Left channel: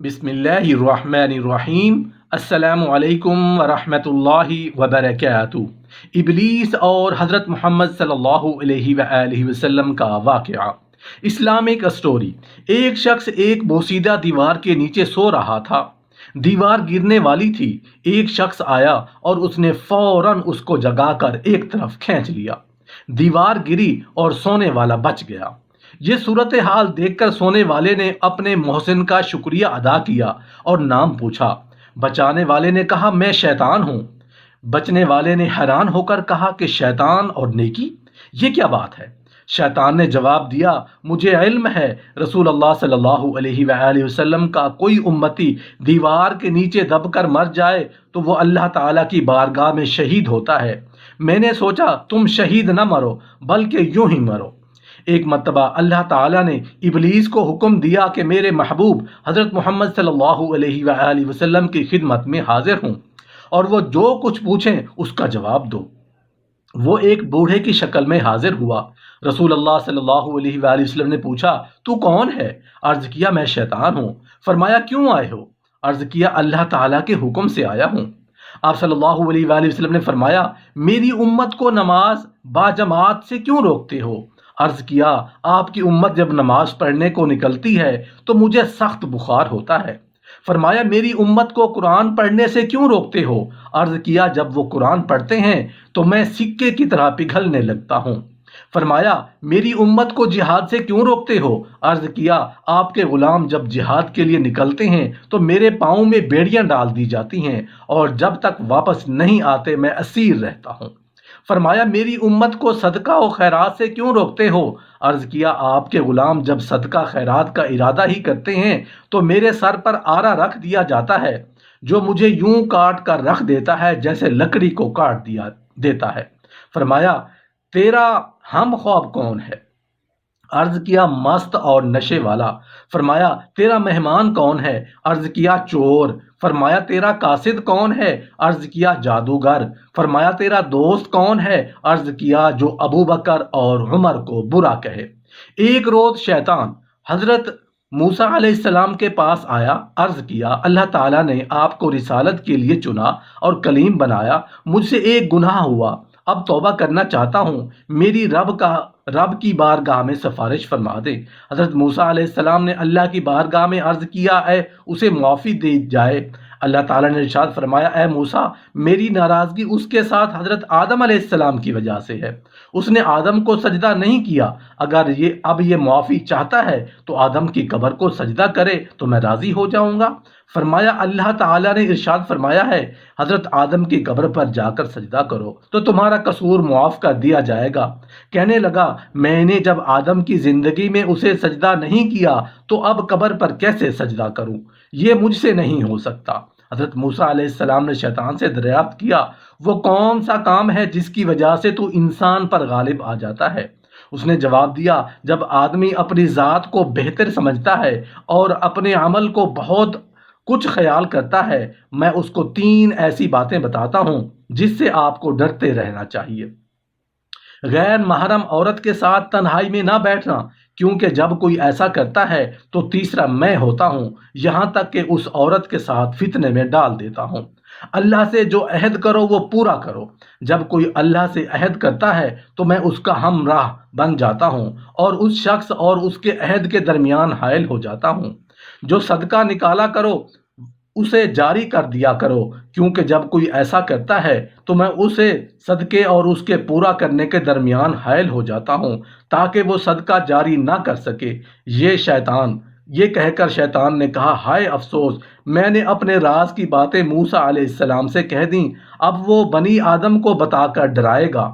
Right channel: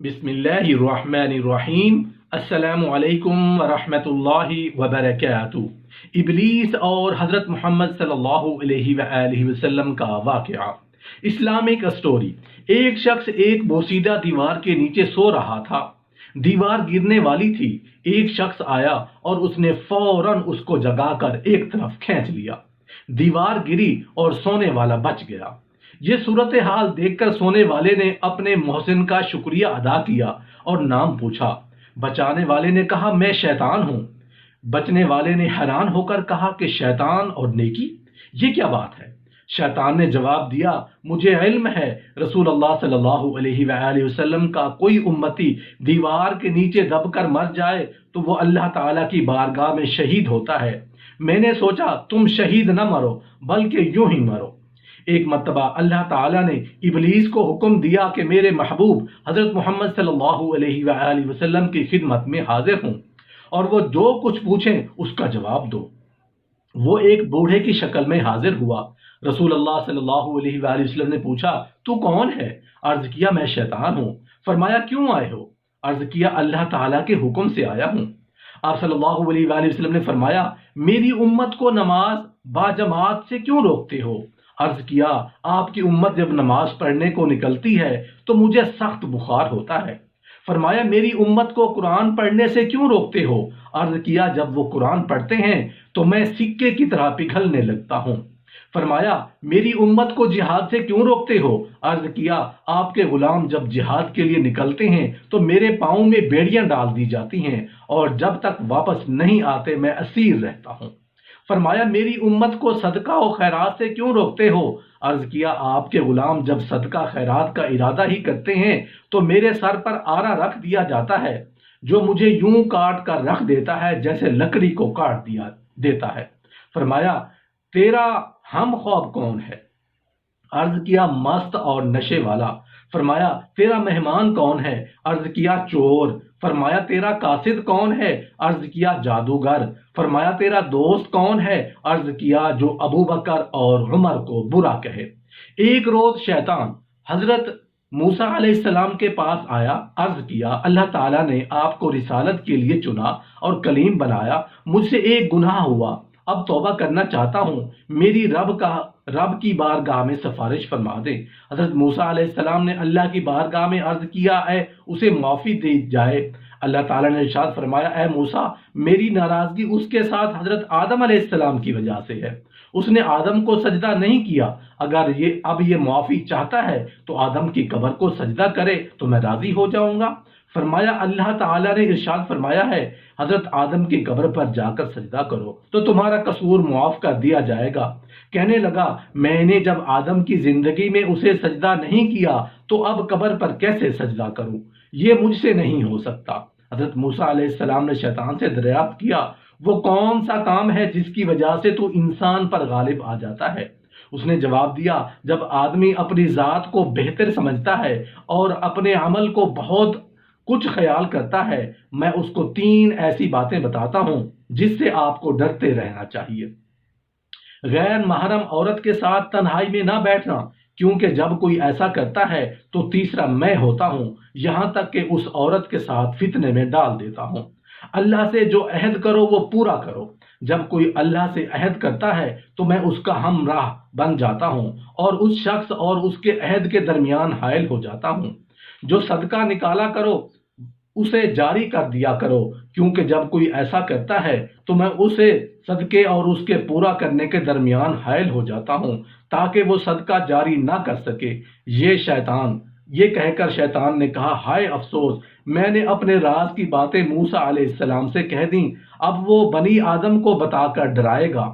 بسم اللہ الرحمن الرحیم۔ السلام علیکم ورحمۃ اللہ وبرکاتہ۔ ابلیس اور حضرت محمد صلی اللہ علیہ وآلہ وسلم کا واقعہ۔ Islamic story. ایک شخص ایک بوسیدہ دیوار کے نیچے سو رہا تھا۔ دیوار گرنے والی تھی۔ ایک شخص آیا اور اس نے فوراً اس کو جگا کر ایک طرف کھینچ لیا۔ دیوار گری اور سونے والا بچ گیا۔ یہ صورتحال دیکھ کر سونے والے نے اپنے محسن کا شکریہ ادا کیا اور نام پوچھا۔ بچانے والے نے کہا میں شیطان ہوں۔ بچنے والے نے حیران ہو کر کہا کہ شیطان اور نیکی، یہ کیا بات ہے؟ شیطان نے جواب دیا، مجھے علم ہے رسول اللہ صلی اللہ علیہ وآلہ وسلم کا کوئی امتی دیوار کے نیچے دب کر مر جائے تو وہ اللہ تعالیٰ کی بارگاہ میں شہید ہوتا ہے۔ میں نے سوچا تم شہید نہ مرو بلکہ یوں ہی مرو۔ ایک مرتبہ اللہ تعالیٰ نے ابلیس کو حکم دیا کہ میرے محبوب حضرت محمد صلی اللہ علیہ وآلہ وسلم کی خدمت میں حاضر ہوں اور وہ جو کچھ پوچھیں اس کا جواب دو۔ وہ ایک بوڑھے کی شکل میں حاضر ہوا۔ رسول اللہ صلی اللہ علیہ وآلہ وسلم نے پوچھا تو کون ہے؟ عرض کیا میں شیطان ہوں۔ فرمایا کیوں آئے ہو؟ عرض کیا اللہ تعالیٰ کے حکم سے آیا ہوں۔ آپ صلی اللہ علیہ وآلہ وسلم نے فرمایا میری امت کو نماز باجماعت سے کیوں روکتے ہو؟ عرض کیا آپ کی امت جب نماز پڑھنے کو نکلتی ہے تو مجھے سخت بخار ہوتا ہے۔ فرمایا میری امت کو قرآن پڑھنے سے کیوں روکتے ہو؟ عرض کیا جب وہ قرآن پڑھتے ہیں تو میں سکے کی طرح پگھلنے لگتا ہوں۔ فرمایا میری امت کو جہاد سے کیوں روکتے ہو؟ عرض کیا آپ کے غلام جب جہاد کے لیے نکلتے ہیں تو میرے پاؤں میں بیڑیاں ڈال دی جاتی ہیں اور جب تک واپس نہیں آتے میں اسیر رہتا ہوں۔ فرمایا میری امت کو صدقہ و خیرات سے کیوں روکتے ہو؟ عرض کیا آپ کے غلام جب صدقہ خیرات کا ارادہ ہی کرتے ہیں تو میرے سر پر آرا رکھ دیا جاتا ہے جو مجھے یوں کاٹ کر رکھ دیتا ہے جیسے لکڑی کو کاٹ دیا دیتا ہے۔ فرمایا تیرا ہم خواب کون ہے؟ عرض کیا مست اور نشے والا۔ فرمایا تیرا مہمان کون ہے؟ عرض کیا چور۔ فرمایا تیرا قاصد کون ہے؟ عرض کیا جادوگر۔ فرمایا تیرا دوست کون ہے؟ عرض کیا جو ابو بکر اور عمر کو برا کہے۔ ایک روز شیطان حضرت موسیٰ علیہ السلام کے پاس آیا۔ عرض کیا اللہ تعالیٰ نے آپ کو رسالت کے لیے چنا اور کلیم بنایا، مجھ سے ایک گناہ ہوا، اب توبہ کرنا چاہتا ہوں، میری رب کی بارگاہ میں سفارش فرما دے۔ حضرت موسیٰ علیہ السلام نے اللہ کی بارگاہ میں عرض کیا اے اسے معافی دی جائے۔ اللہ تعالیٰ نے ارشاد فرمایا اے موسیٰ میری ناراضگی اس کے ساتھ حضرت آدم علیہ السلام کی وجہ سے ہے، اس نے آدم کو سجدہ نہیں کیا، اگر یہ معافی چاہتا ہے تو آدم کی قبر کو سجدہ کرے تو میں راضی ہو جاؤں گا۔ فرمایا اللہ تعالیٰ نے ارشاد فرمایا ہے حضرت آدم کی قبر پر جا کر سجدہ کرو تو تمہارا قصور معاف کر دیا جائے گا۔ کہنے لگا میں نے جب آدم کی زندگی میں اسے سجدہ نہیں کیا تو اب قبر پر کیسے سجدہ کروں؟ یہ مجھ سے نہیں ہو سکتا۔ حضرت موسیٰ علیہ السلام نے شیطان سے دریافت کیا وہ کون سا کام ہے جس کی وجہ سے تو انسان پر غالب آ جاتا ہے؟ اس نے جواب دیا جب آدمی اپنی ذات کو بہتر سمجھتا ہے اور اپنے عمل کو بہت کچھ خیال کرتا ہے، میں اس کو 3 ایسی باتیں بتاتا ہوں جس سے آپ کو ڈرتے رہنا چاہیے۔ غیر محرم عورت کے ساتھ تنہائی میں نہ بیٹھنا، کیونکہ جب کوئی ایسا کرتا ہے تو تیسرا میں ہوتا ہوں، یہاں تک کہ اس عورت کے ساتھ فتنے میں ڈال دیتا ہوں۔ اللہ سے جو عہد کرو وہ پورا کرو، جب کوئی اللہ سے عہد کرتا ہے تو میں اس کا ہمراہ بن جاتا ہوں اور اس شخص اور اس کے عہد کے درمیان حائل ہو جاتا ہوں۔ جو صدقہ نکالا کرو اسے جاری کر دیا کرو، کیونکہ جب کوئی ایسا کرتا ہے تو میں اسے صدقے اور اس کے پورا کرنے کے درمیان حائل ہو جاتا ہوں تاکہ وہ صدقہ جاری نہ کر سکے۔ یہ کہہ کر شیطان نے کہا ہائے افسوس، میں نے اپنے راز کی باتیں موسیٰ علیہ السلام سے کہہ دیں، اب وہ بنی آدم کو بتا کر ڈرائے گا۔